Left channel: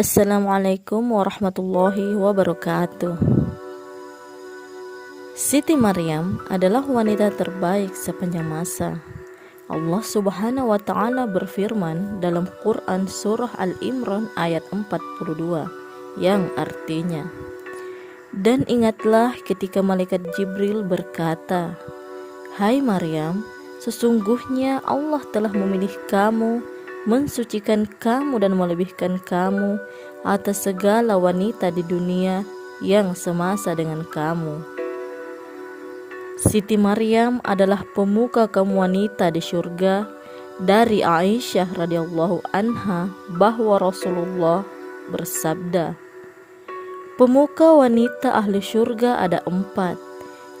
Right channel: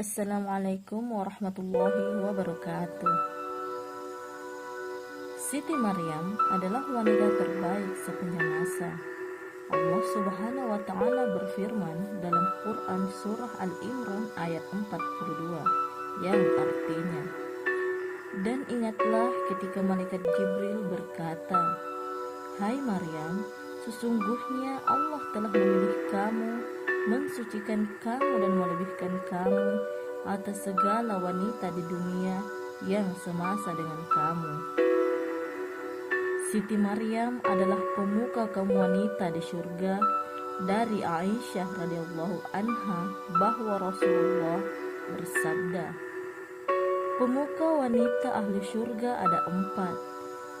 Assalamualaikum warahmatullahi wabarakatuh. Siti Maryam adalah wanita terbaik sepanjang masa. Allah Subhanahu wa taala berfirman dalam Quran surah Al-Imran ayat 42 yang artinya, "Dan ingatlah ketika malaikat Jibril berkata, 'Hai Maryam, sesungguhnya Allah telah memilih kamu, mensucikan kamu dan melebihkan kamu atas segala wanita di dunia yang semasa dengan kamu.'" Siti Maryam adalah pemuka kaum wanita di surga. Dari Aisyah radhiyallahu anha bahwa Rasulullah bersabda, pemuka wanita ahli surga ada 4,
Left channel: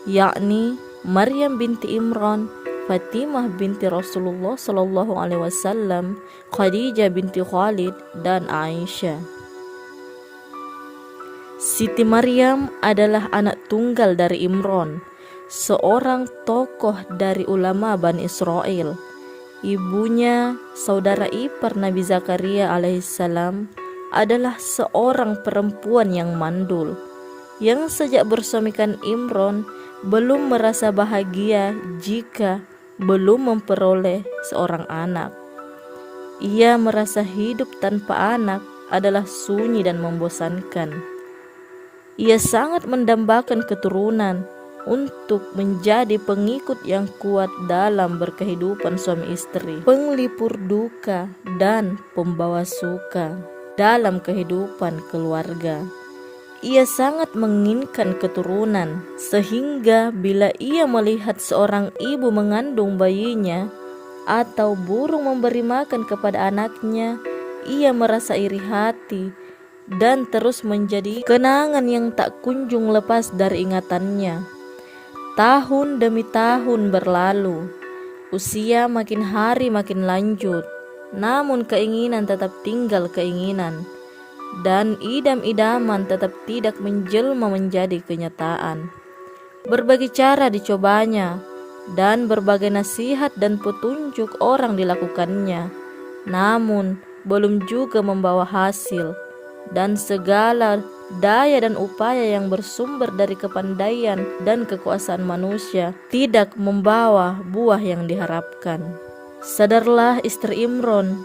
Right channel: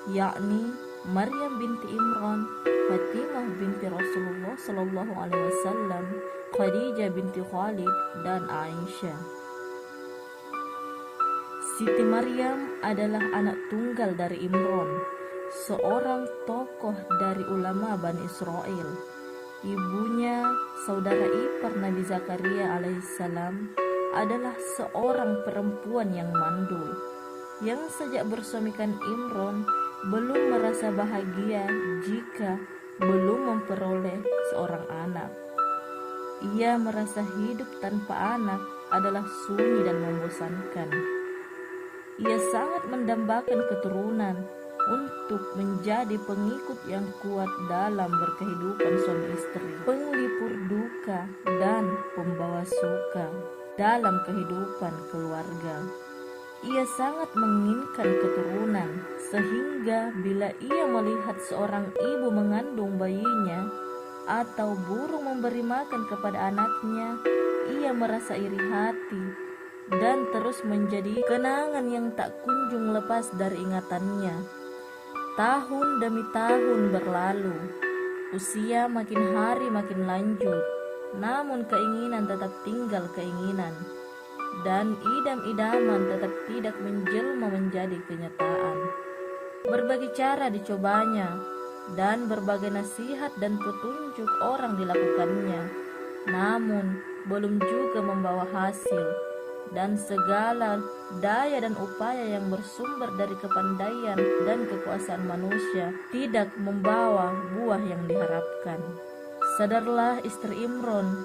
yakni Maryam binti Imran, Fatimah binti Rasulullah sallallahu alaihi wasallam, Khadijah binti Khalid, dan Aisyah. Siti Maryam adalah anak tunggal dari Imran, seorang tokoh dari ulama Bani Israel. Ibunya, saudara ipar Nabi Zakaria alaihissalam, adalah seorang perempuan yang mandul, yang sejak bersuamikan Imran belum merasa bahagia jika belum memperoleh seorang anak. Ia merasa hidup tanpa anak adalah sunyi dan membosankan. Ia sangat mendambakan keturunan untuk menjadi pengikut yang kuat dalam berkehidupan suami istri, penglipur duka dan pembawa suka dalam kehidupan keluarga. Ia sangat menginginkan keturunan, sehingga bila ia melihat seorang ibu mengandung bayinya atau burung memberi makan kepada anaknya, ia merasa iri hati dan terus menjadi kenangan yang tak kunjung lepas dari ingatannya. Tahun demi tahun berlalu, usia makin hari makin lanjut, namun keinginan tetap tinggal keinginan, dan idam-idaman tetap tidak menjelma menjadi kenyataan. Berbagai cara dicobanya, dan berbagai nasihat dan petunjuk orang dilakukannya, namun belum juga membawa hasil, dan segala daya dan upaya yang bersumber dari kepandaian dan kekuasaan manusia tidak membawa buah yang diharapkan. Sadarlah istri Imran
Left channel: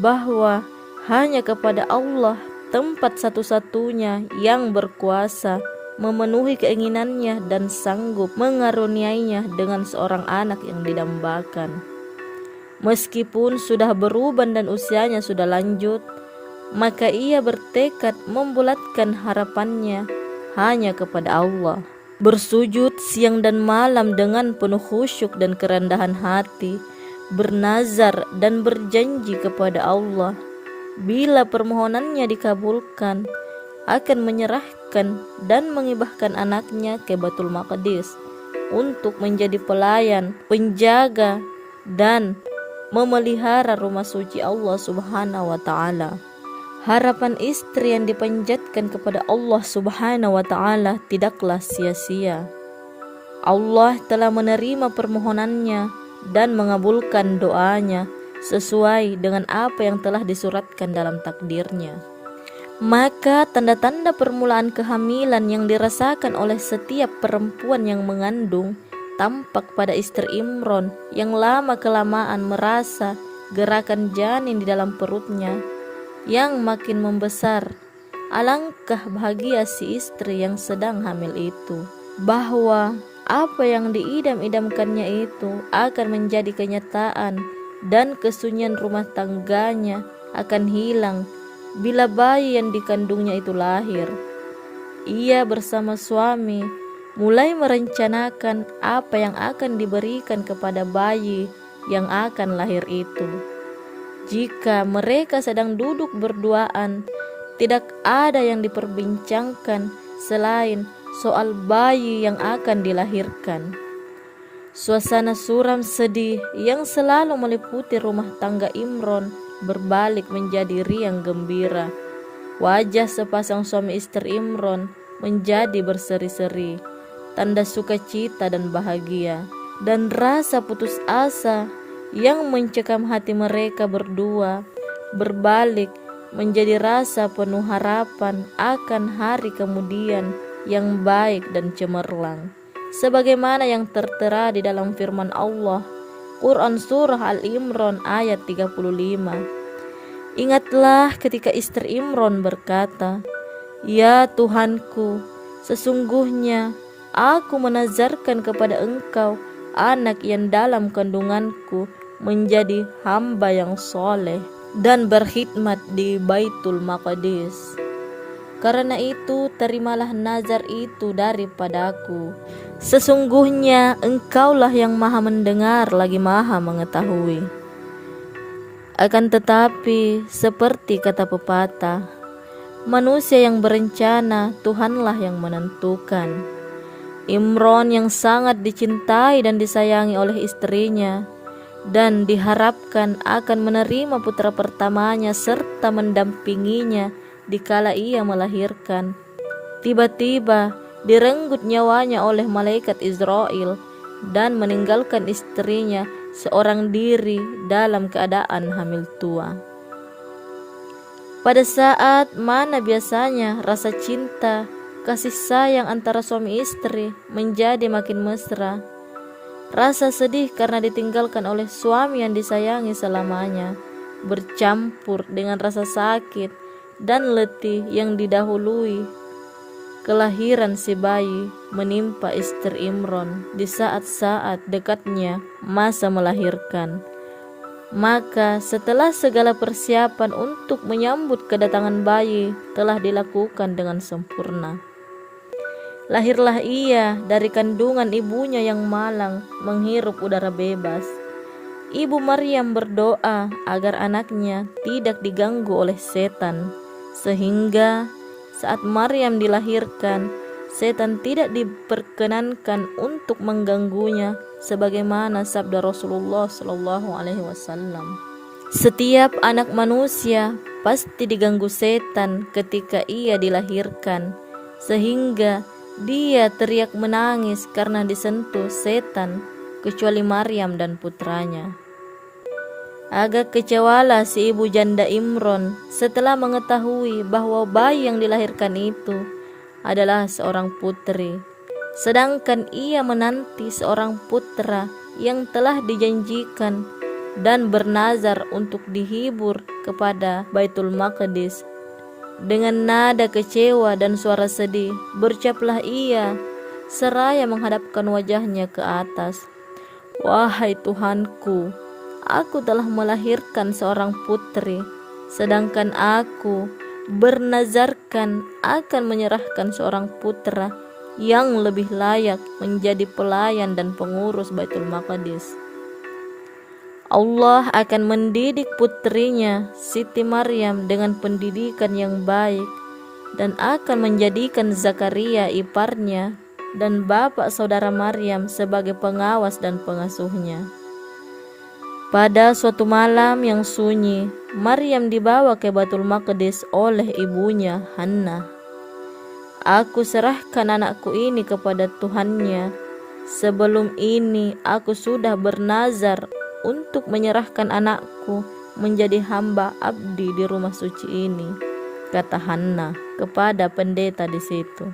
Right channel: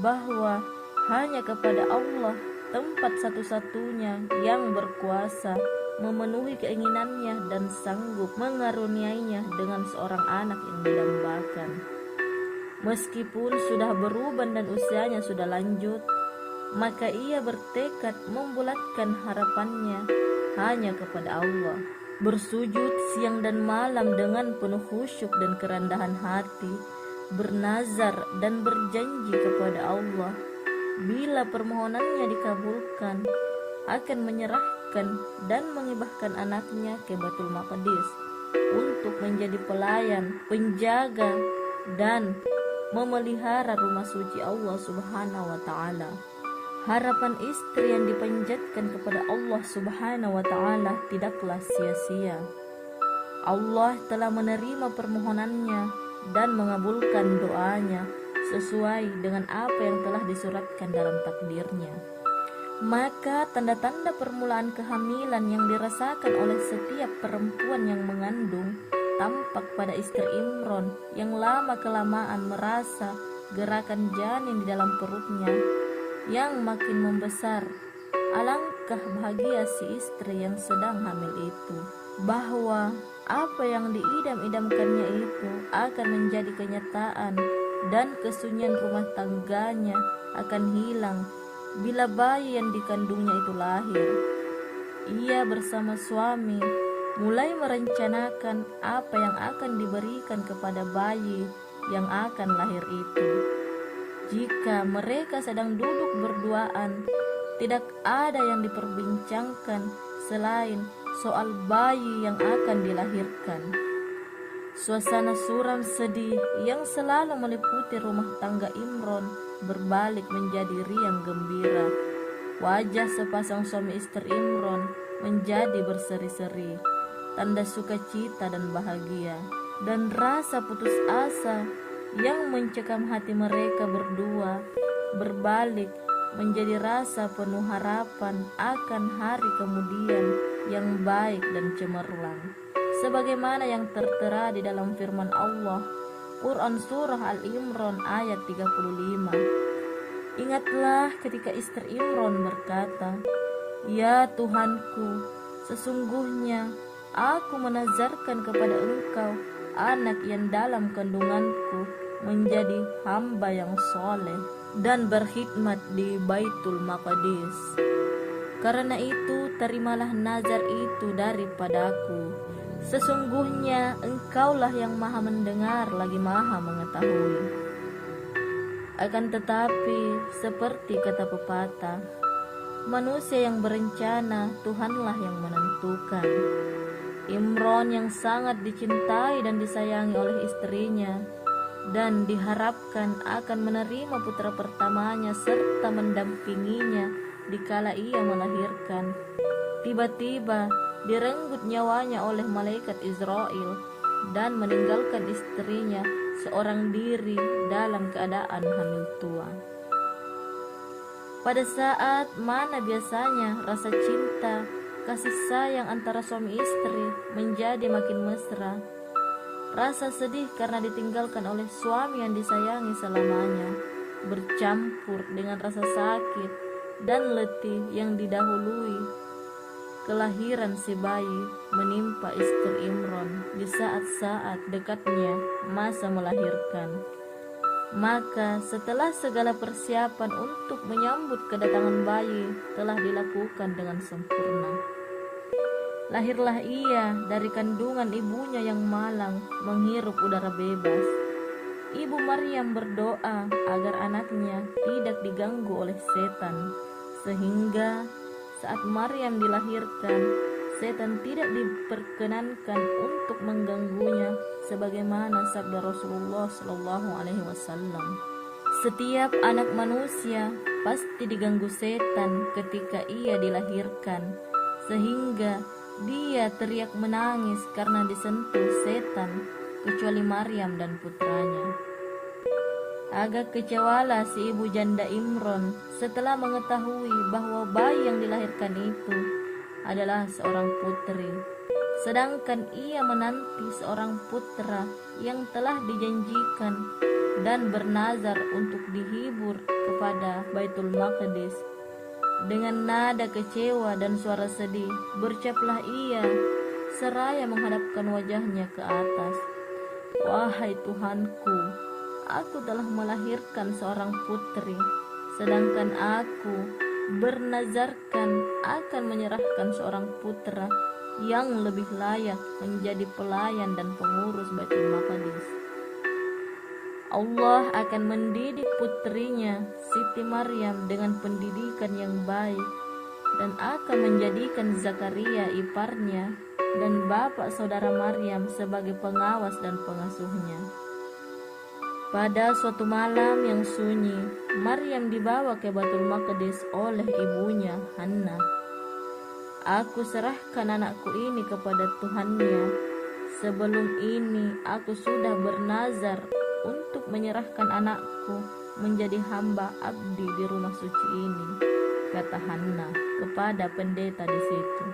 bahwa hanya kepada Allah tempat satu-satunya yang berkuasa memenuhi keinginannya dan sanggup mengaruniainya dengan seorang anak yang didambakan. Meskipun sudah beruban dan usianya sudah lanjut, maka ia bertekad membulatkan harapannya hanya kepada Allah. Bersujud siang dan malam dengan penuh khusyuk dan kerendahan hati, bernazar dan berjanji kepada Allah, bila permohonannya dikabulkan, akan menyerahkan dan mengibahkan anaknya ke Baitul Maqdis untuk menjadi pelayan, penjaga, dan memelihara rumah suci Allah Subhanahu wa taala. Harapan istri yang dipanjatkan kepada Allah Subhanahu wa taala tidaklah sia-sia. Allah telah menerima permohonannya dan mengabulkan doanya sesuai dengan apa yang telah disuratkan dalam takdirnya. Maka tanda-tanda permulaan kehamilan yang dirasakan oleh setiap perempuan yang mengandung tampak pada istri Imran yang lama-kelamaan merasa gerakan janin di dalam perutnya yang makin membesar. Alangkah bahagia si istri yang sedang hamil itu, bahwa apa yang diidam-idamkannya itu akan menjadi kenyataan, dan kesunyian rumah tangganya akan hilang bila bayi yang dikandungnya itu lahir. Ia bersama suami mulai merencanakan apa yang akan diberikan kepada bayi yang akan lahir itu. Jika mereka sedang duduk berduaan, tidak ada yang diperbincangkan selain soal bayi yang akan dilahirkan. Suasana suram sedih yang selalu meliputi rumah tangga Imran berbalik menjadi riang gembira. Wajah sepasang suami istri Imran menjadi berseri-seri, tanda sukacita dan bahagia, dan rasa putus asa yang mencekam hati mereka berdua berbalik menjadi rasa penuh harapan akan hari kemudian yang baik dan cemerlang. Sebagaimana yang tertera di dalam firman Allah, Quran Surah Al-Imran ayat 35. Ingatlah ketika istri Imran berkata, "Ya Tuhanku, sesungguhnya aku menazarkan kepada Engkau anak yang dalam kandunganku menjadi hamba yang soleh dan berkhidmat di Baitul Maqdis. Karena itu terimalah nazar itu daripadaku. Sesungguhnya Engkaulah yang maha mendengar lagi maha mengetahui." Akan tetapi seperti kata pepatah, manusia yang berencana Tuhanlah yang menentukan. Imron yang sangat dicintai dan disayangi oleh istrinya dan diharapkan akan menerima putra pertamanya serta mendampinginya dikala ia melahirkan, tiba-tiba direnggut nyawanya oleh malaikat Israel dan meninggalkan istrinya seorang diri dalam keadaan hamil tua. Pada saat mana biasanya rasa cinta, kasih sayang antara suami istri menjadi makin mesra, rasa sedih karena ditinggalkan oleh suami yang disayangi selamanya bercampur dengan rasa sakit dan letih yang didahului kelahiran si bayi menimpa istri Imron di saat-saat dekatnya masa melahirkan. Maka setelah segala persiapan untuk menyambut kedatangan bayi telah dilakukan dengan sempurna, lahirlah ia dari kandungan ibunya yang malang menghirup udara bebas. Ibu Maryam berdoa agar anaknya tidak diganggu oleh setan, sehingga saat Maryam dilahirkan, setan tidak diperkenankan untuk mengganggunya, sebagaimana sabda Rasulullah SAW. Setiap anak manusia pasti diganggu setan ketika ia dilahirkan, sehingga dia teriak menangis karena disentuh setan, kecuali Maryam dan putranya. Agak kecewalah si ibu janda Imron setelah mengetahui bahwa bayi yang dilahirkan itu adalah seorang putri, sedangkan ia menanti seorang putra yang telah dijanjikan dan bernazar untuk dihibur kepada Baitul Maqdis. Dengan nada kecewa dan suara sedih, berucaplah ia seraya menghadapkan wajahnya ke atas, "Wahai Tuhanku, aku telah melahirkan seorang putri, sedangkan aku bernazarkan akan menyerahkan seorang putra yang lebih layak menjadi pelayan dan pengurus Baitul Maqdis. Allah akan mendidik putrinya Siti Maryam dengan pendidikan yang baik dan akan menjadikan Zakaria iparnya dan bapak saudara Maryam sebagai pengawas dan pengasuhnya." Pada suatu malam yang sunyi, Maryam dibawa ke Baitul Maqdis oleh ibunya Hannah. "Aku serahkan anakku ini kepada Tuhannya. Sebelum ini aku sudah bernazar untuk menyerahkan anakku menjadi hamba abdi di rumah suci ini," kata Hannah kepada pendeta di situ.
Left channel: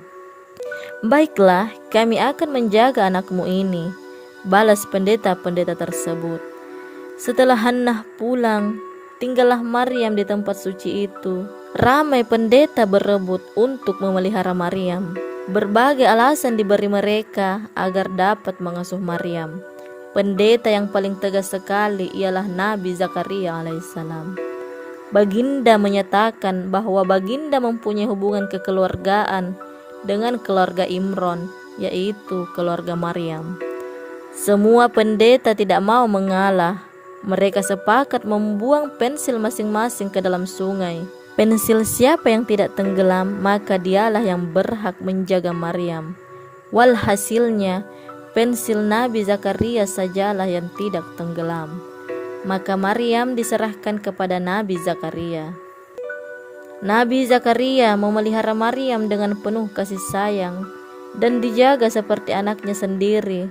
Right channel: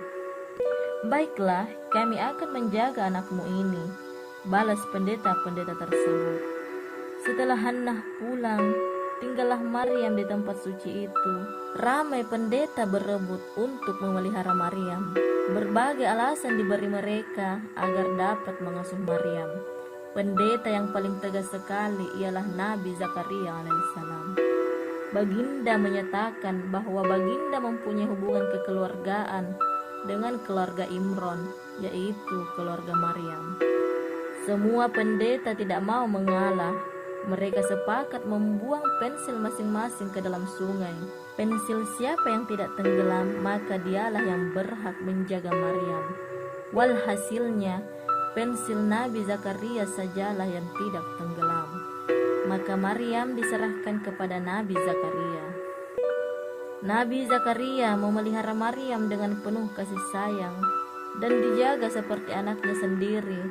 "Baiklah, kami akan menjaga anakmu ini," balas pendeta-pendeta tersebut. Setelah Hannah pulang, tinggallah Maryam di tempat suci itu. Ramai pendeta berebut untuk memelihara Maryam. Berbagai alasan diberi mereka agar dapat mengasuh Maryam. Pendeta yang paling tegas sekali ialah Nabi Zakaria alaihissalam. Baginda menyatakan bahwa baginda mempunyai hubungan kekeluargaan dengan keluarga Imron, yaitu keluarga Maryam. Semua pendeta tidak mau mengalah. Mereka sepakat membuang pensil masing-masing ke dalam sungai. Pensil siapa yang tidak tenggelam, maka dialah yang berhak menjaga Maryam. Walhasilnya, pensil Nabi Zakaria sajalah yang tidak tenggelam. Maka Maryam diserahkan kepada Nabi Zakaria. Nabi Zakaria memelihara Maryam dengan penuh kasih sayang dan dijaga seperti anaknya sendiri.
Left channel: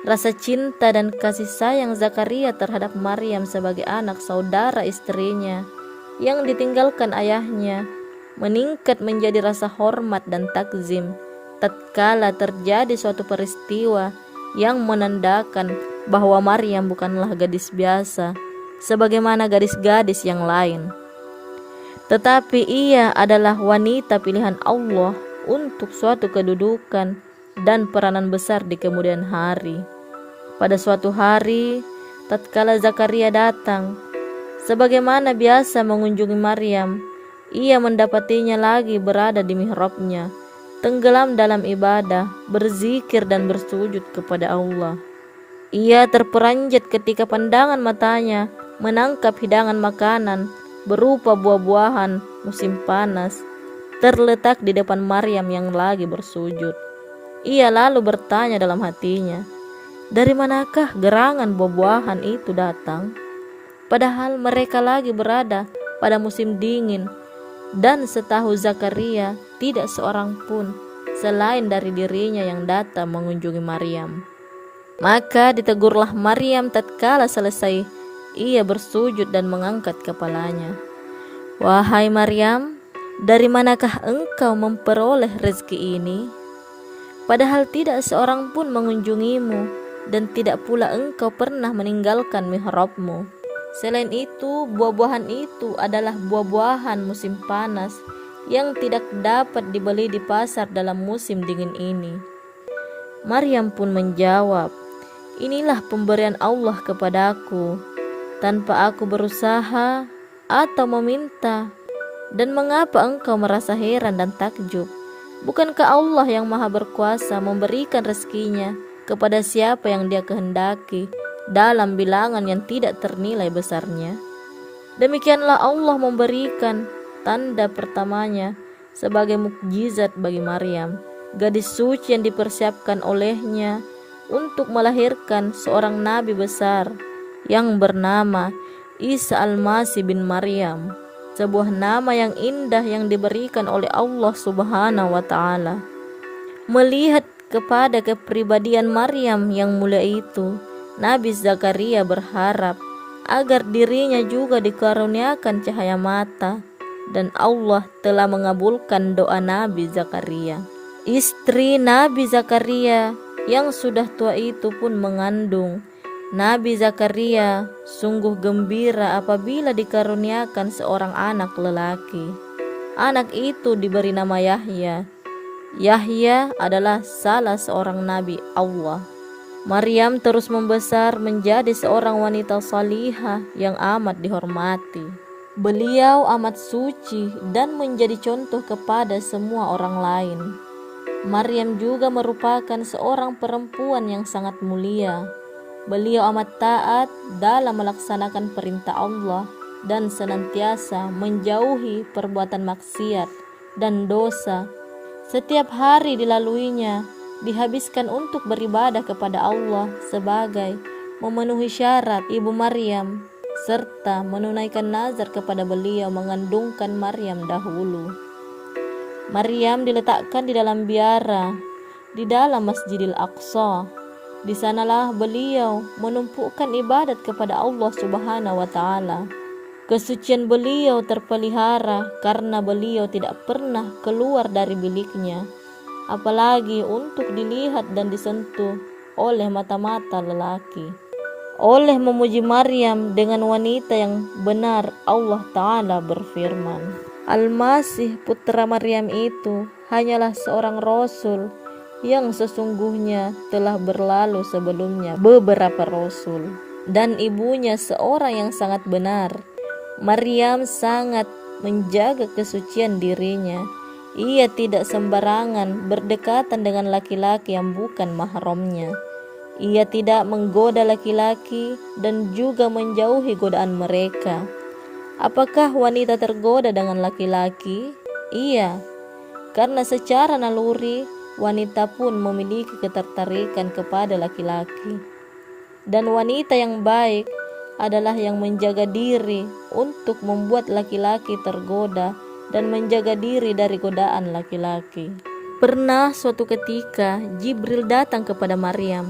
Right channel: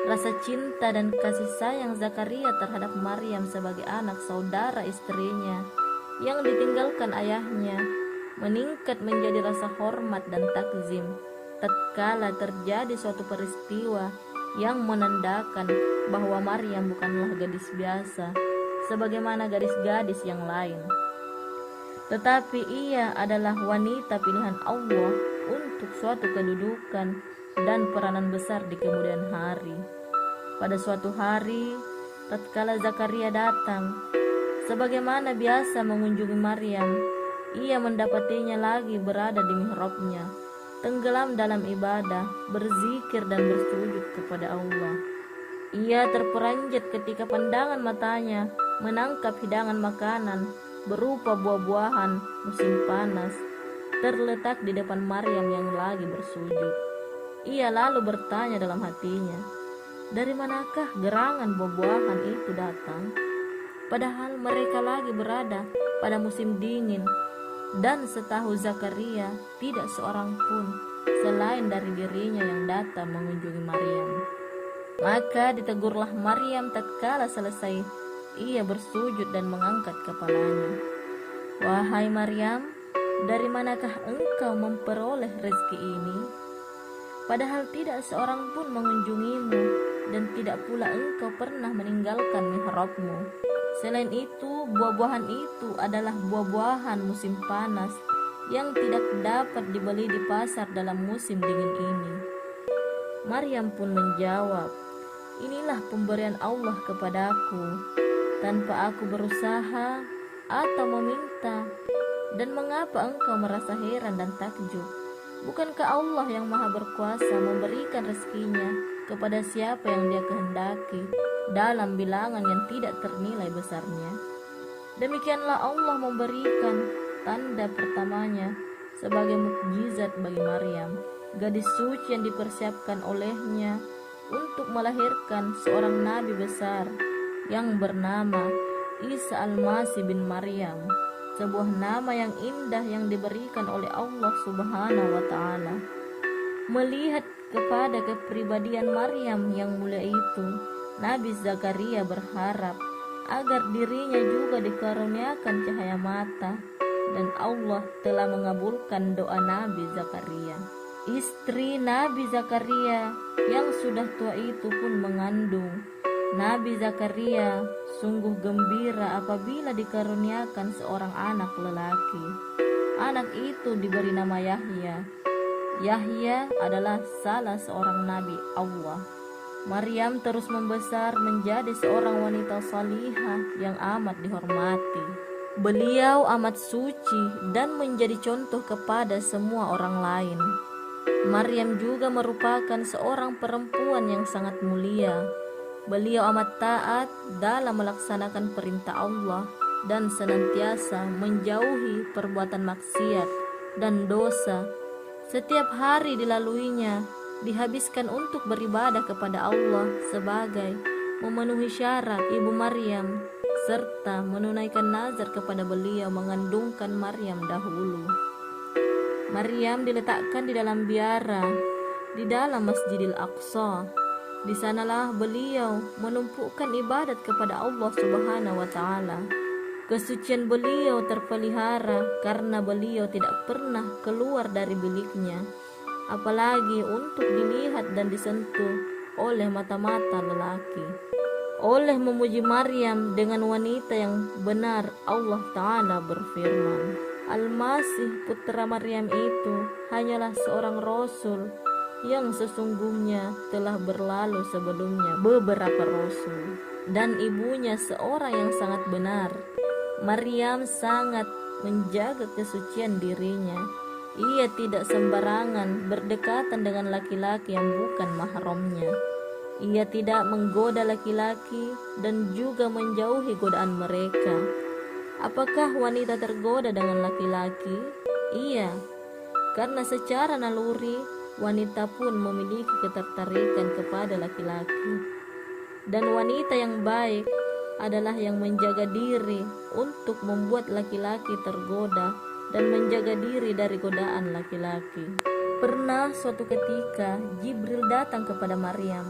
Rasa cinta dan kasih sayang Zakaria terhadap Maryam sebagai anak saudara istrinya yang ditinggalkan ayahnya, meningkat menjadi rasa hormat dan takzim tatkala terjadi suatu peristiwa yang menandakan bahwa Maryam bukanlah gadis biasa sebagaimana gadis-gadis yang lain, tetapi ia adalah wanita pilihan Allah untuk suatu kedudukan dan peranan besar di kemudian hari. Pada suatu hari, tatkala Zakaria datang, sebagaimana biasa mengunjungi Maryam, ia mendapatinya lagi berada di mihrabnya, tenggelam dalam ibadah, berzikir dan bersujud kepada Allah. Ia terperanjat ketika pandangan matanya menangkap hidangan makanan berupa buah-buahan musim panas terletak di depan Maryam yang lagi bersujud. Ia lalu bertanya dalam hatinya, dari manakah gerangan buah-buahan itu datang? Padahal mereka lagi berada pada musim dingin, dan setahu Zakaria tidak seorang pun selain dari dirinya yang datang mengunjungi Maryam. Maka ditegurlah Maryam tatkala selesai ia bersujud dan mengangkat kepalanya. Wahai Maryam, dari manakah engkau memperoleh rezeki ini? Padahal tidak seorang pun mengunjungimu, dan tidak pula engkau pernah meninggalkan mihrabmu. Selain itu, buah-buahan itu adalah buah-buahan musim panas yang tidak dapat dibeli di pasar dalam musim dingin ini. Maryam pun menjawab, inilah pemberian Allah kepadaku, tanpa aku berusaha atau meminta. Dan mengapa engkau merasa heran dan takjub? Bukankah Allah yang maha berkuasa memberikan rezekinya kepada siapa yang dia kehendaki dalam bilangan yang tidak ternilai besarnya? Demikianlah Allah memberikan tanda pertamanya sebagai mukjizat bagi Maryam, gadis suci yang dipersiapkan olehnya untuk melahirkan seorang nabi besar yang bernama Isa Al-Masih bin Maryam, sebuah nama yang indah yang diberikan oleh Allah Subhanahu wa Ta'ala. Melihat kepada kepribadian Maryam yang mulia itu, Nabi Zakaria berharap agar dirinya juga dikaruniakan cahaya mata, dan Allah telah mengabulkan doa Nabi Zakaria. Istri Nabi Zakaria yang sudah tua itu pun mengandung. Nabi Zakaria sungguh gembira apabila dikaruniakan seorang anak lelaki. Anak itu diberi nama Yahya. Yahya adalah salah seorang nabi Allah. Maryam terus membesar menjadi seorang wanita salihah yang amat dihormati. Beliau amat suci dan menjadi contoh kepada semua orang lain. Maryam juga merupakan seorang perempuan yang sangat mulia. Beliau amat taat dalam melaksanakan perintah Allah dan senantiasa menjauhi perbuatan maksiat dan dosa. Setiap hari dilaluinya dihabiskan untuk beribadah kepada Allah sebagai memenuhi syarat ibu Maryam serta menunaikan nazar kepada beliau mengandungkan Maryam dahulu. Maryam diletakkan di dalam biara di dalam Masjidil Aqsa. Di sanalah beliau menumpukan ibadat kepada Allah Subhanahu wa Ta'ala. Kesucian beliau terpelihara karena beliau tidak pernah keluar dari biliknya, apalagi untuk dilihat dan disentuh oleh mata-mata lelaki. Oleh memuji Maryam dengan wanita yang benar, Allah Ta'ala berfirman, Al-Masih putra Maryam itu hanyalah seorang rasul yang sesungguhnya telah berlalu sebelumnya beberapa rasul, dan ibunya seorang yang sangat benar. Maryam sangat menjaga kesucian dirinya. Ia tidak sembarangan berdekatan dengan laki-laki yang bukan mahramnya. Ia tidak menggoda laki-laki dan juga menjauhi godaan mereka. Apakah wanita tergoda dengan laki-laki? Iya, karena secara naluri wanita pun memiliki ketertarikan kepada laki-laki. Dan wanita yang baik adalah yang menjaga diri untuk membuat laki-laki tergoda dan menjaga diri dari godaan laki-laki. Pernah suatu ketika Jibril datang kepada Maryam.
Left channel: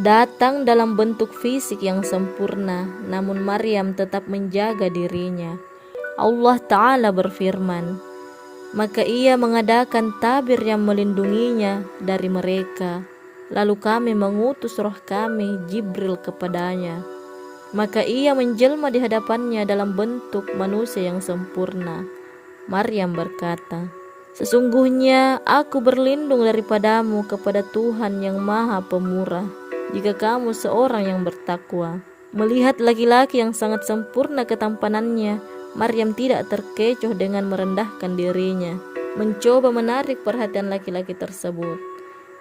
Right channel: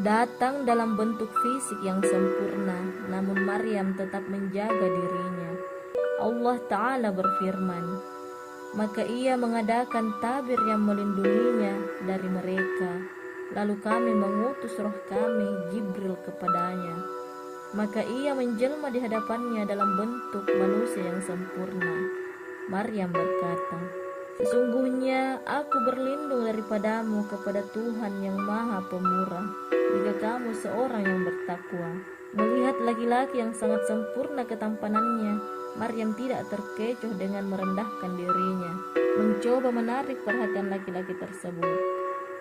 Datang dalam bentuk fisik yang sempurna, namun Maryam tetap menjaga dirinya. Allah Ta'ala berfirman, maka ia mengadakan tabir yang melindunginya dari mereka. Lalu kami mengutus roh kami Jibril kepadanya. Maka ia menjelma di hadapannya dalam bentuk manusia yang sempurna. Maryam berkata, sesungguhnya aku berlindung daripadamu kepada Tuhan yang Maha Pemurah, jika kamu seorang yang bertakwa. Melihat laki-laki yang sangat sempurna ketampanannya, Maryam tidak terkecoh dengan merendahkan dirinya, mencoba menarik perhatian laki-laki tersebut.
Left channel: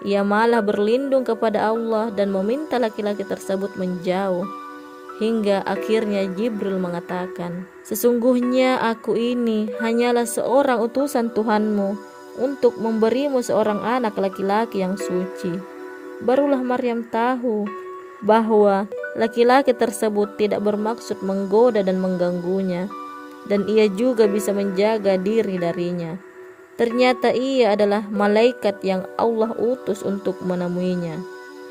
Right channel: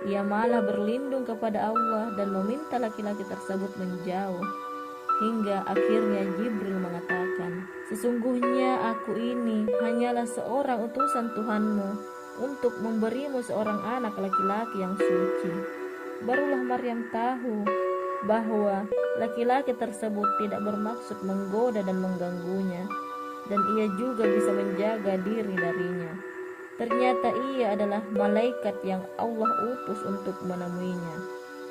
Ia malah berlindung kepada Allah dan meminta laki-laki tersebut menjauh. Hingga akhirnya Jibril mengatakan, sesungguhnya aku ini hanyalah seorang utusan Tuhanmu untuk memberimu seorang anak laki-laki yang suci. Barulah Maryam tahu bahwa laki-laki tersebut tidak bermaksud menggoda dan mengganggunya, dan ia juga bisa menjaga diri darinya. Ternyata ia adalah malaikat yang Allah utus untuk menemuinya.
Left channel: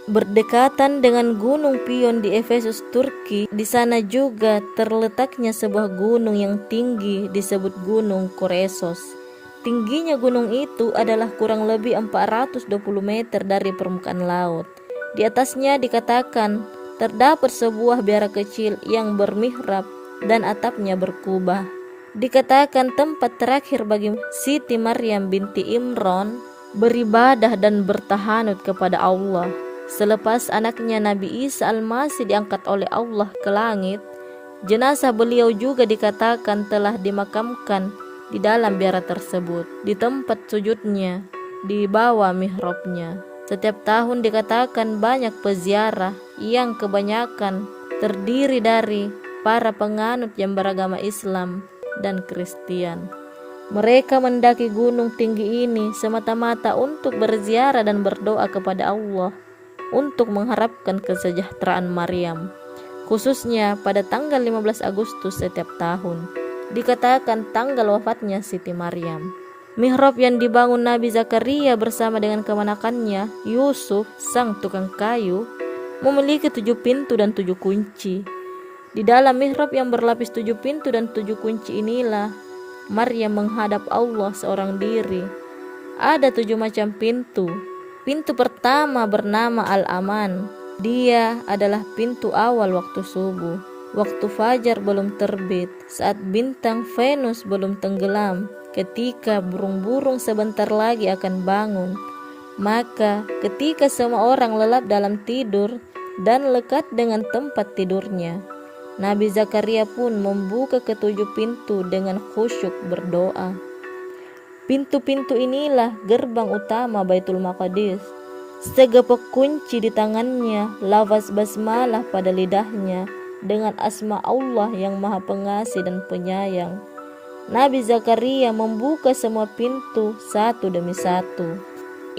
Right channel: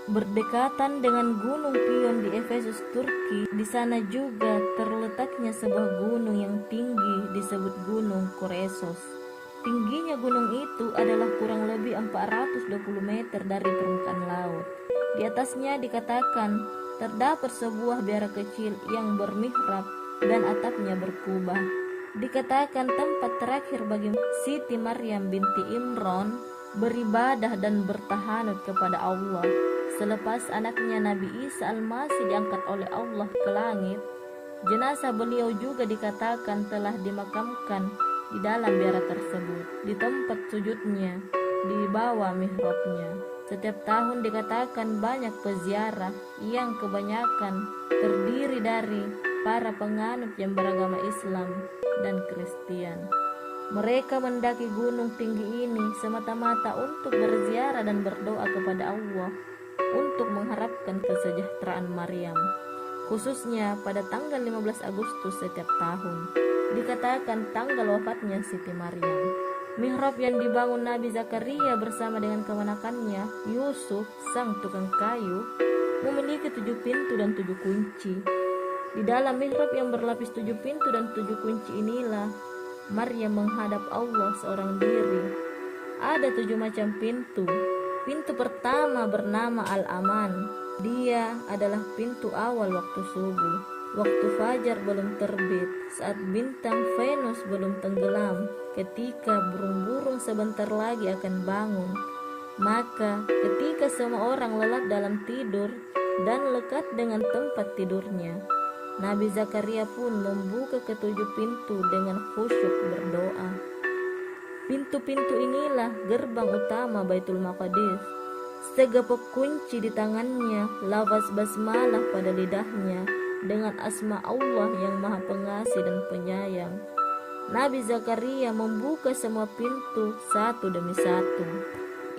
Berdekatan dengan Gunung Pion di Efesus, Turki, di sana juga terletaknya sebuah gunung yang tinggi disebut Gunung Koresos. Tingginya gunung itu adalah kurang lebih 420 meter dari permukaan laut. Di atasnya dikatakan terdapat sebuah biara kecil yang bermihrab dan atapnya berkubah. Dikatakan tempat terakhir bagi Siti Maryam binti Imran beribadah dan bertahanut kepada Allah. Selepas anaknya Nabi Isa Al-Masih diangkat oleh Allah ke langit, jenazah beliau juga dikatakan telah dimakamkan di dalam biara tersebut, di tempat sujudnya, di bawah mihrabnya. Setiap tahun dikatakan banyak peziarah yang kebanyakan terdiri dari para penganut yang beragama Islam dan Kristen. Mereka mendaki gunung tinggi ini semata-mata untuk berziarah dan berdoa kepada Allah untuk mengharapkan kesejahteraan Maryam, khususnya pada tanggal 15 Agustus setiap tahun. Dikatakan tanggal wafatnya Siti Maryam. Mihrab yang dibangun Nabi Zakaria bersama dengan keponakannya Yusuf, sang tukang kayu, memiliki 7 pintu dan 7 kunci. Di dalam mihrab yang berlapis 7 pintu dan 7 kunci inilah Maryam menghadap Allah seorang diri. Ada 7 macam pintu. Pintu pertama bernama Al-Aman. Dia adalah pintu awal waktu subuh, waktu fajar belum terbit, saat bintang Venus belum tenggelam, ketika burung-burung sebentar lagi akan bangun. Maka ketika semua orang lelap dalam tidur dan lekat dengan tempat tidurnya, Nabi Zakaria pun membuka ketujuh pintu dengan khusyuk berdoa. Pintu-pintu inilah gerbang utama Baitul Maqdis. Segepok kunci di tangannya, lafaz basmalah pada lidahnya, dengan asma Allah yang Maha Pengasih dan Penyayang. Nabi Zakaria membuka semua pintu satu demi satu.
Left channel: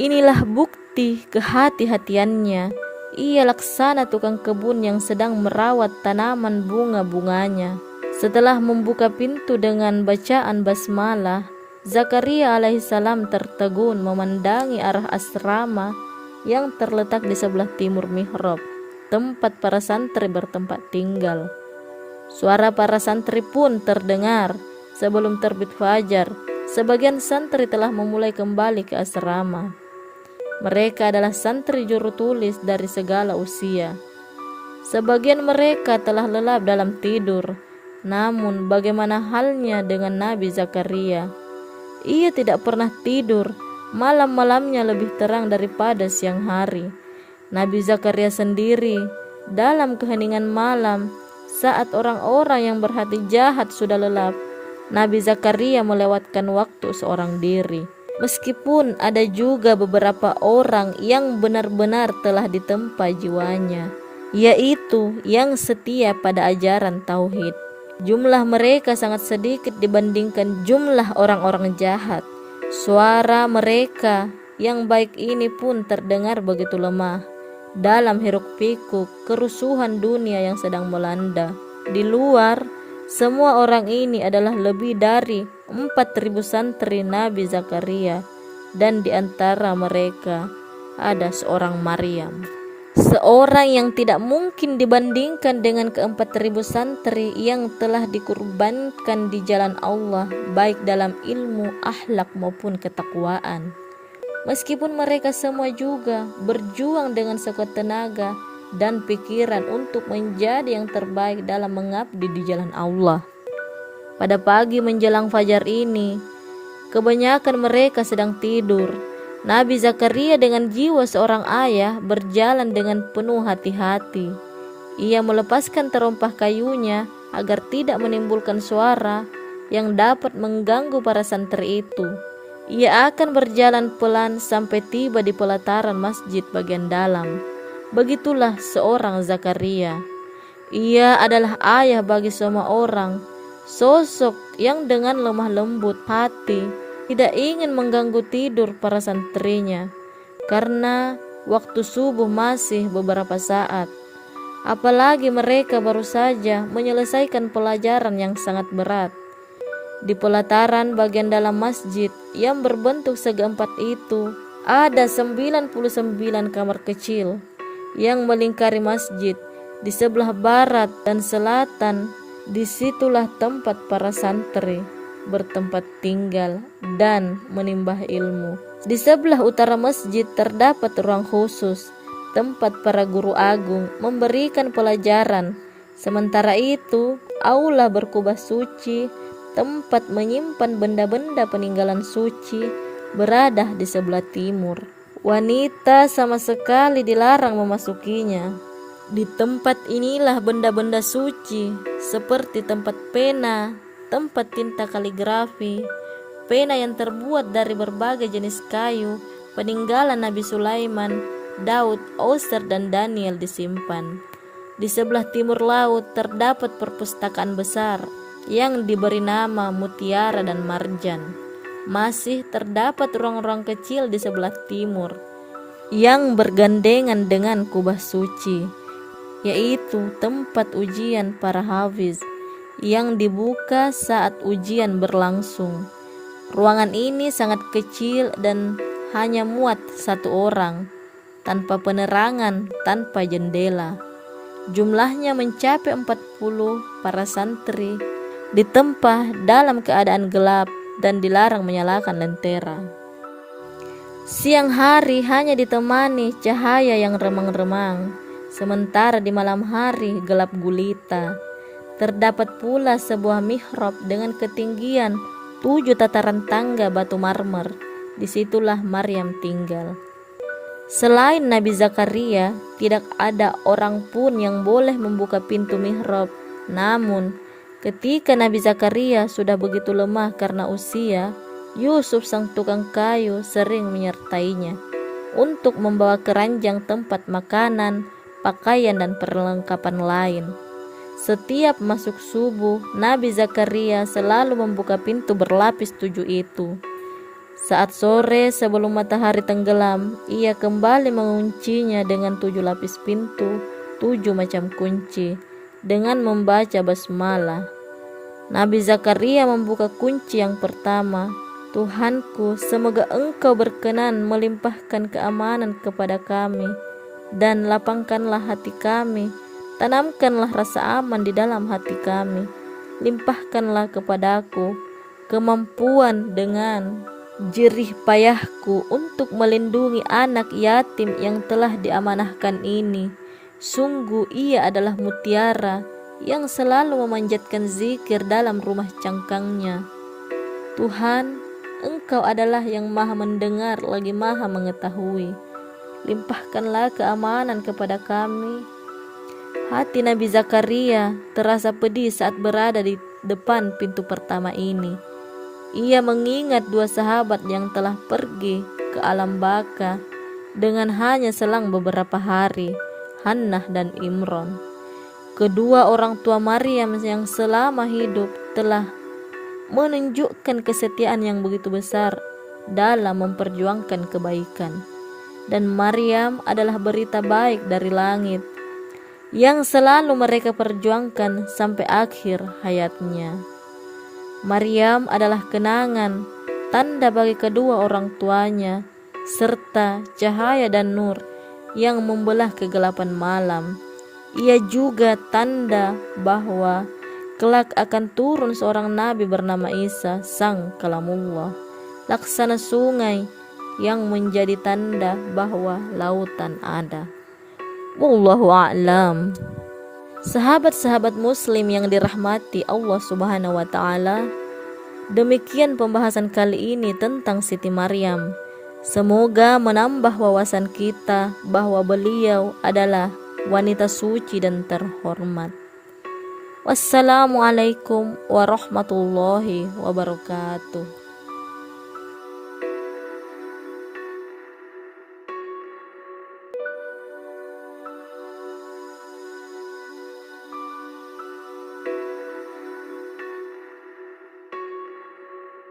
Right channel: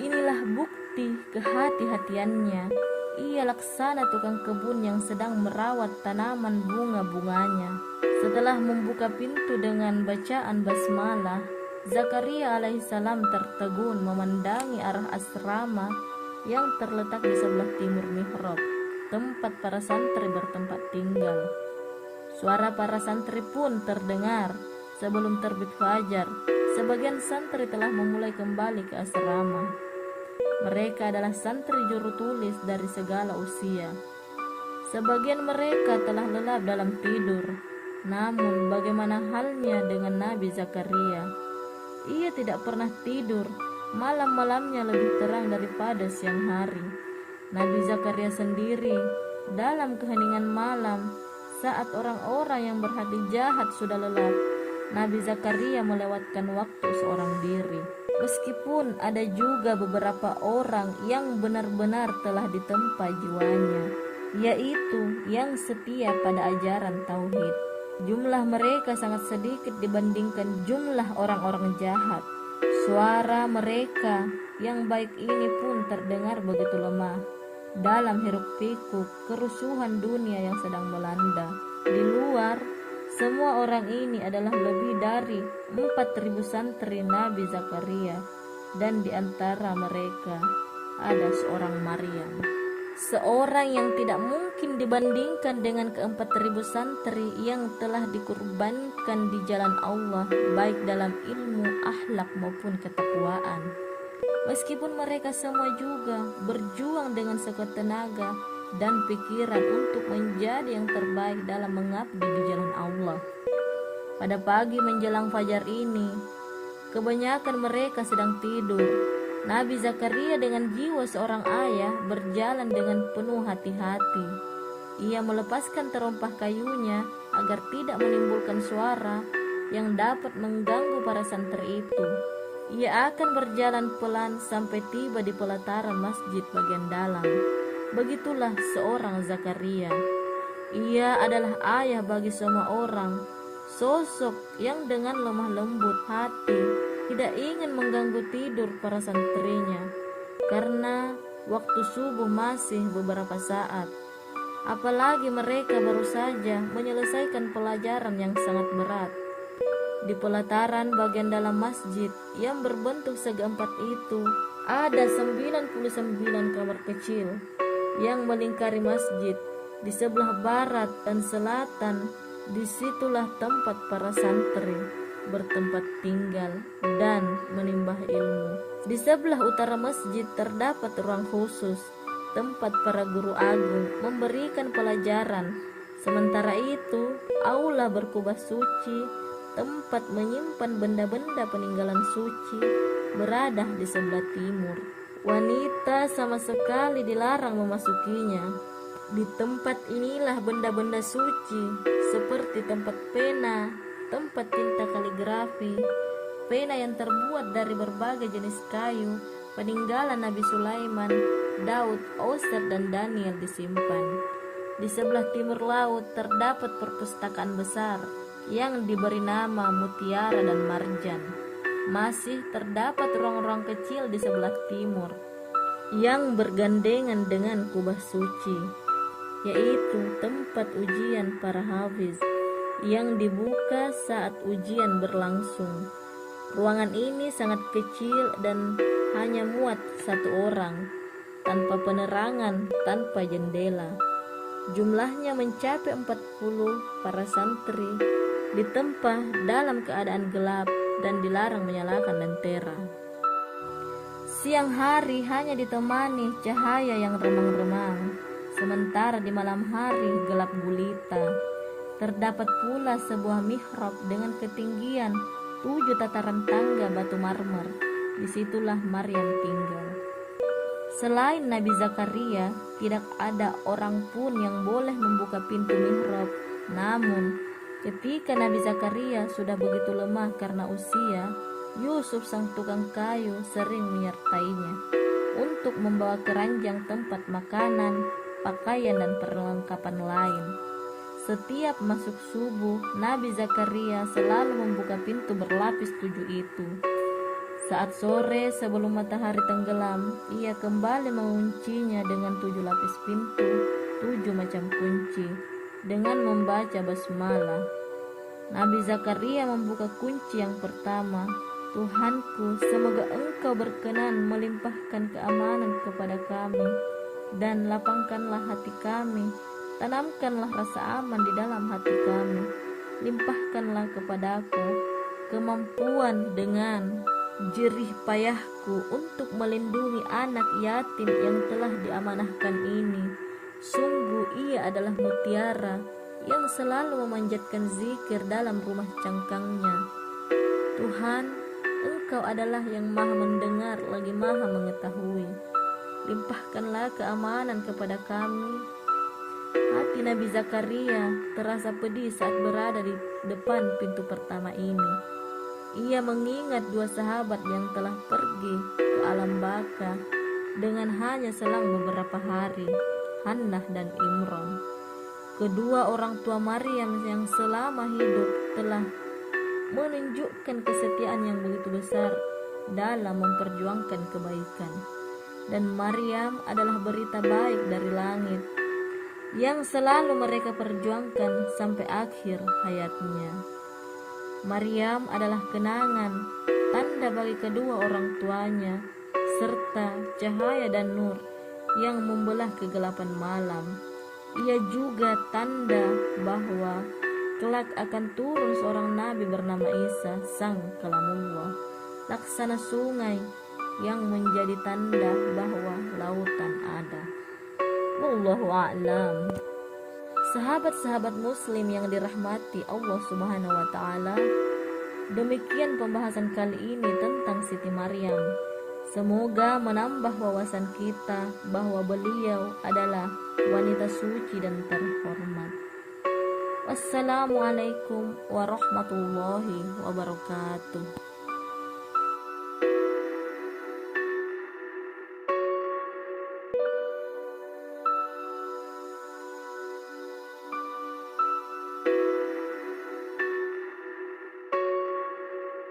Inilah bukti kehati-hatiannya. Ia laksana tukang kebun yang sedang merawat tanaman bunga-bunganya. Setelah membuka pintu dengan bacaan basmalah, Zakaria alaihissalam tertegun memandangi arah asrama yang terletak di sebelah timur mihrab, tempat para santri bertempat tinggal. Suara para santri pun terdengar. Sebelum terbit fajar, sebagian santri telah memulai kembali ke asrama. Mereka adalah santri juru tulis dari segala usia. Sebagian mereka telah lelap dalam tidur. Namun bagaimana halnya dengan Nabi Zakaria? Ia tidak pernah tidur. Malam-malamnya lebih terang daripada siang hari. Nabi Zakaria sendiri dalam keheningan malam, saat orang-orang yang berhati jahat sudah lelap, Nabi Zakaria melewatkan waktu seorang diri. Meskipun ada juga beberapa orang yang benar-benar telah ditempa jiwanya, yaitu yang setia pada ajaran tauhid. Jumlah mereka sangat sedikit dibandingkan jumlah orang-orang jahat. Suara mereka yang baik ini pun terdengar begitu lemah dalam hiruk-pikuk kerusuhan dunia yang sedang melanda. Di luar, semua orang ini adalah lebih dari 4.000 santri Nabi Zakaria, dan di antara mereka ada seorang Maryam. seorang yang tidak mungkin dibandingkan dengan ke-4.000 santri yang telah dikurbankan di jalan Allah, baik dalam ilmu, akhlak maupun ketakwaan. Meskipun mereka semua juga berjuang dengan sekuat tenaga dan pikiran untuk menjadi yang terbaik dalam mengabdi di jalan Allah. Pada pagi menjelang fajar ini, kebanyakan mereka sedang tidur. Nabi Zakaria dengan jiwa seorang ayah berjalan dengan penuh hati-hati. Ia melepaskan terompah kayunya agar tidak menimbulkan suara yang dapat mengganggu para santri itu. Ia akan berjalan pelan sampai tiba di pelataran masjid bagian dalam. Begitulah seorang Zakaria. Ia adalah ayah bagi semua orang, sosok yang dengan lemah lembut hati tidak ingin mengganggu tidur para santrinya, karena waktu subuh masih beberapa saat. Apalagi mereka baru saja menyelesaikan pelajaran yang sangat berat. Di pelataran bagian dalam masjid yang berbentuk segi empat itu, ada 99 kamar kecil yang melingkari masjid. Di sebelah barat dan selatan, disitulah tempat para santri bertempat tinggal dan menimbah ilmu. Di sebelah utara masjid terdapat ruang khusus, tempat para guru agung memberikan pelajaran. Sementara itu, aula berkubah suci, tempat menyimpan benda-benda peninggalan suci, berada di sebelah timur. Wanita sama sekali dilarang memasukinya. Di tempat inilah benda-benda suci seperti tempat pena, tempat tinta kaligrafi, pena yang terbuat dari berbagai jenis kayu, peninggalan Nabi Sulaiman, Daud, Oser, dan Daniel disimpan. Di sebelah timur laut terdapat perpustakaan besar yang diberi nama Mutiara dan Marjan. Masih terdapat ruang-ruang kecil di sebelah timur yang bergandengan dengan kubah suci, yaitu tempat ujian para hafiz yang dibuka saat ujian berlangsung. Ruangan ini sangat kecil dan hanya muat satu orang, tanpa penerangan, tanpa jendela. Jumlahnya mencapai 40 para santri ditempa dalam keadaan gelap dan dilarang menyalakan lentera. Siang hari hanya ditemani cahaya yang remang-remang, sementara di malam hari gelap gulita. Terdapat pula sebuah mihrab dengan ketinggian 7 tataran tangga batu marmer. Disitulah Maryam tinggal. Selain Nabi Zakaria, tidak ada orang pun yang boleh membuka pintu mihrab. Namun, ketika Nabi Zakaria sudah begitu lemah karena usia, Yusuf sang tukang kayu sering menyertainya untuk membawa keranjang tempat makanan, pakaian, dan perlengkapan lain. Setiap masuk subuh, Nabi Zakaria selalu membuka pintu berlapis 7 itu. Saat sore sebelum matahari tenggelam, ia kembali menguncinya dengan 7 lapis pintu, 7 macam kunci, dengan membaca basmalah. Nabi Zakaria membuka kunci yang pertama. Tuhanku, semoga Engkau berkenan melimpahkan keamanan kepada kami, dan lapangkanlah hati kami, tanamkanlah rasa aman di dalam hati kami, limpahkanlah kepadaku kemampuan dengan jerih payahku untuk melindungi anak yatim yang telah diamanahkan ini. Sungguh ia adalah mutiara yang selalu memanjatkan zikir dalam rumah cangkangnya. Tuhan, Engkau adalah yang maha mendengar lagi maha mengetahui. Limpahkanlah keamanan kepada kami. Hati Nabi Zakaria terasa pedih saat berada di depan pintu pertama ini. Ia mengingat 2 sahabat yang telah pergi ke alam baka dengan hanya selang beberapa hari, Hannah dan Imron. Kedua orang tua Maryam yang selama hidup telah menunjukkan kesetiaan yang begitu besar dalam memperjuangkan kebaikan. Dan Maryam adalah berita baik dari langit yang selalu mereka perjuangkan sampai akhir hayatnya. Maryam adalah kenangan, tanda bagi kedua orang tuanya, serta cahaya dan nur yang membelah kegelapan malam. Ia juga tanda bahwa kelak akan turun seorang nabi bernama Isa, sang kalamullah, laksana sungai yang menjadi tanda bahwa lautan ada. Wallahu a'lam. Sahabat-sahabat muslim yang dirahmati Allah Subhanahu wa taala, demikian pembahasan kali ini tentang Siti Maryam. Semoga menambah wawasan kita bahwa beliau adalah wanita suci dan terhormat. Wassalamualaikum warahmatullahi wabarakatuh.